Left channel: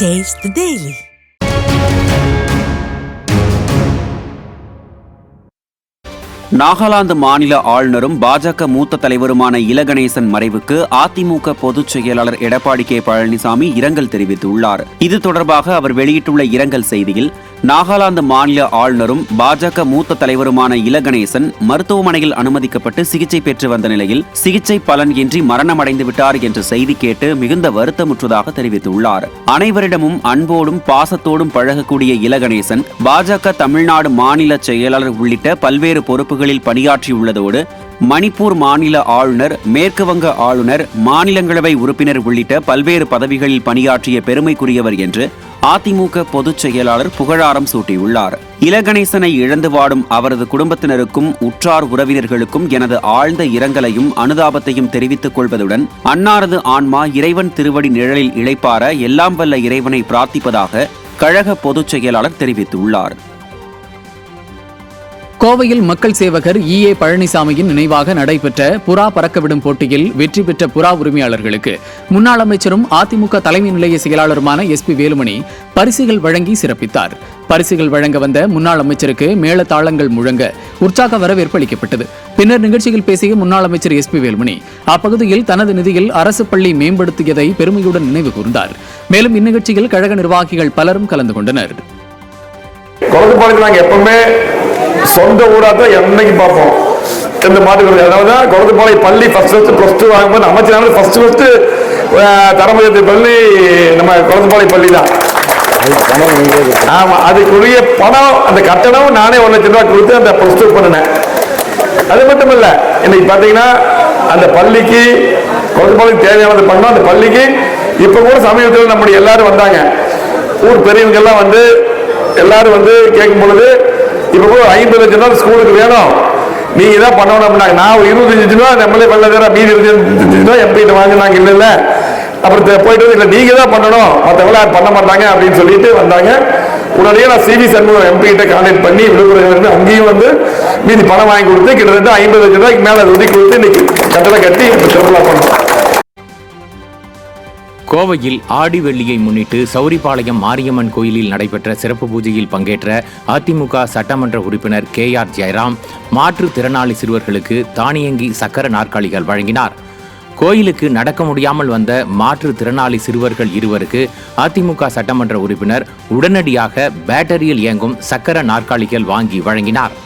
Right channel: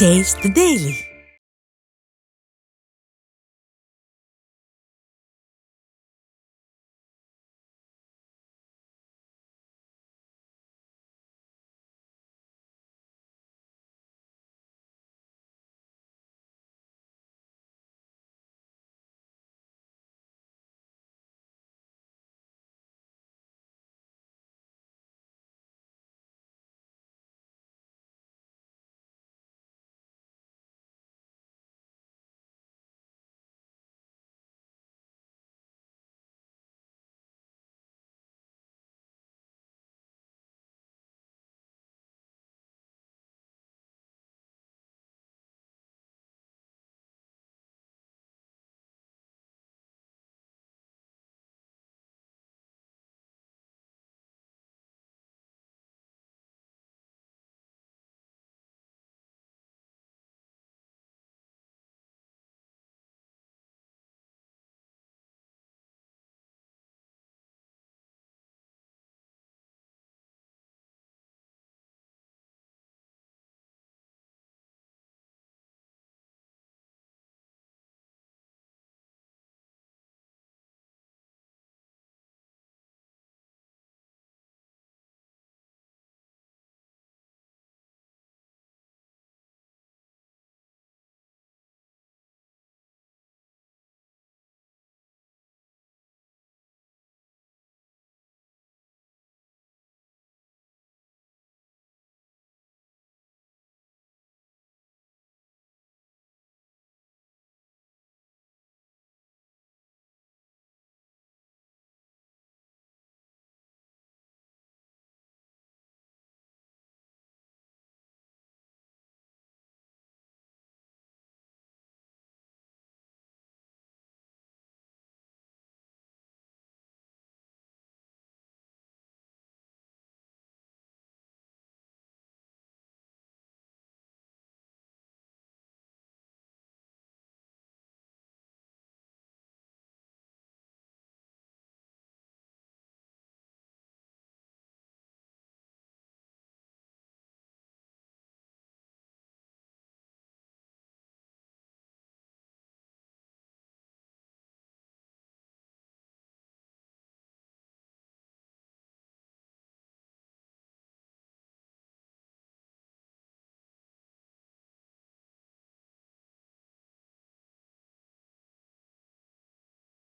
Taste the Daily. Nagaland மாநில ஆளுநரும் பாஜக மூத்த தலைவருமான இல கணேசன் மறைவுக்கு அதிமுக பொதுச் செயலாளர் எடப்பாடி கே பழனிசாமி இரங்கல் தெரிவித்துள்ளார். இது தொடர்பாக அவர் வெளியிட்டுள்ள இரங்கல் செய்தியில், நாகாலாந்து மாநில ஆளுநரும் பாஜக மூத்த தலைவருமான இல கணேசன் மருத்துவமனையில் அனுமதிக்கப்பட்டு சிகிச்சை பெற்று வந்த நிலையில் சிகிச்சை பலன் இன்றி மரணமடைந்து விட்டார் என்ற செய்தி கேட்டு மிகுந்த வருத்தமுற்றதாக தெரிவித்துள்ளார். அனைவரிடமும் அன்போடும் பாசத்தோடும் பழகக்கூடிய இல கணேசன் பாஜக தமிழ்நாடு மாநில செயலாளர் உள்ளிட்ட பல்வேறு பொறுப்புகளில் பணியாற்றியுள்ளதோடு மணிப்பூர் மாநில ஆளுநர், மேற்கு வங்க ஆளுநர், மாநிலங்களவை உறுப்பினர் உள்ளிட்ட பல்வேறு பதவிகளில் பணியாற்றிய பெருமைக்குரியவர் என்று அதிமுக பொதுச் செயலாளர் புகழாரம் சூட்டியுள்ளார். இல கணேசனை இழந்து வாடும் அவரது குடும்பத்தினருக்கும் உற்றார் உறவினர்களுக்கும் எனது ஆழ்ந்த இரங்கலையும் அனுதாபத்தையும் தெரிவித்துக் கொள்வதுடன் அன்னாரது ஆன்மா இறைவன் திருவடி நிழலில் இளைப்பார எல்லாம் வல்ல இறைவனை பிரார்த்திப்பதாக கழக பொதுச் செயலாளர் தெரிவித்துள்ளார். கோவையில் மக்கள் சேவகர் EA பழனிசாமியின் நினைவாக நடைபெற்ற புறா பறக்கவிடும் போட்டியில் வெற்றி பெற்ற புறா உரிமையாளர்களுக்கு முன்னாள் அமைச்சரும் அதிமுக தலைமை நிலைய செயலாளருமான SP வேலுமணி பரிசுகள் வழங்கி சிறப்பித்தார். பரிசுகள் வழங்க வந்த முன்னாள் அமைச்சருக்கு மேளதாளங்கள் முழங்க உற்சாக வரவேற்பு அளிக்கப்பட்டது. பின்னர் நிகழ்ச்சியில் பேசிய முன்னாள் அமைச்சர் SP வேலுமணி அப்பகுதியில் தனது நிதியில் அரசு பள்ளி மேம்படுத்தியதை பெருமையுடன் நினைவு கூர்ந்தார். மேலும் இந்நிகழ்ச்சியில் கழக நிர்வாகிகள் பலரும் கலந்து கொண்டனர். சொந்த ஊரா தான் என்னைக்கு பார்ப்போம் இந்த மாட்டுக்கள். அதாவது குளத்துப்பாளை பள்ளி +2 வாங்கும்போது அமைச்சர் ஃபர்ஸ்ட் தரமயத்து பள்ளி நம்ம குளத்துப்பாளை பள்ளி தான். ஆமா, அதுக்குரிய பணம் அந்த கட்டணம் நானே 1 லட்சம் ரூபாய் கொடுத்து அந்த +2 பண்ணினேன். அது மட்டும் இல்ல, இன்னைக்கு பாத்தீங்கன்னா அந்த பள்ளிக்கு குளத்துப்பாளைக்கு தேவையானது பண்ணோம். அந்த பள்ளிக்கு இப்ப கூட சமீபத்தில் நம்முடைய எல்லாரும் வந்தாங்க, ஊர் பெரியவங்க எல்லாம் வந்து எல்லாரும் வந்து கேட்கும் பொழுது இப்ப கூட 50 லட்சம் ரூபாய் ஸ்கூலுக்கு வேணும், நீங்க தான் பண்ணணும் அப்படின்னாங்க. நான் 25 ரூபா நம்மளே பண்ணல, மீதி 25 ரூபா MP வாங்கினாங்க. இல்ல அப்புறம் போயிட்டு இல்ல நீங்க தான் பண்ணணும், மற்றவங்க யாரும் பண்ண மாட்டாங்க அப்படின்னு சொல்லிட்டு வந்தாங்க. உடனே நான் CV சண்முகம் MP கிட்ட கான்டாக்ட் பண்ணி விழுப்புரம் அங்கேயும் வந்து மீதி பணம் வாங்கி கொடுத்து கிட்டத்தட்ட 50 லட்சம் ரூபாய்க்கு மேல ஒதுக்கி கொடுத்து இன்னைக்கு கட்டளை கட்டி திருவிழா பண்ணோம். கோவையில் ஆடி வெள்ளியை முன்னிட்டு சௌரிபாளையம் மாரியம்மன் கோயிலில் நடைபெற்ற சிறப்பு பூஜையில் பங்கேற்ற அதிமுக சட்டமன்ற உறுப்பினர் KR ஜெயராம் மாற்றுத்திறனாளி சிறுவர்களுக்கு தானியங்கி சக்கர நாற்காலிகள் வழங்கினார். கோயிலுக்கு நடக்க முடியாமல் வந்த மாற்றுத்திறனாளி சிறுவர்கள் 2 அதிமுக சட்டமன்ற உறுப்பினர் உடனடியாக பேட்டரியில் இயங்கும் சக்கர நாற்காலிகள் வாங்கி வழங்கினார்.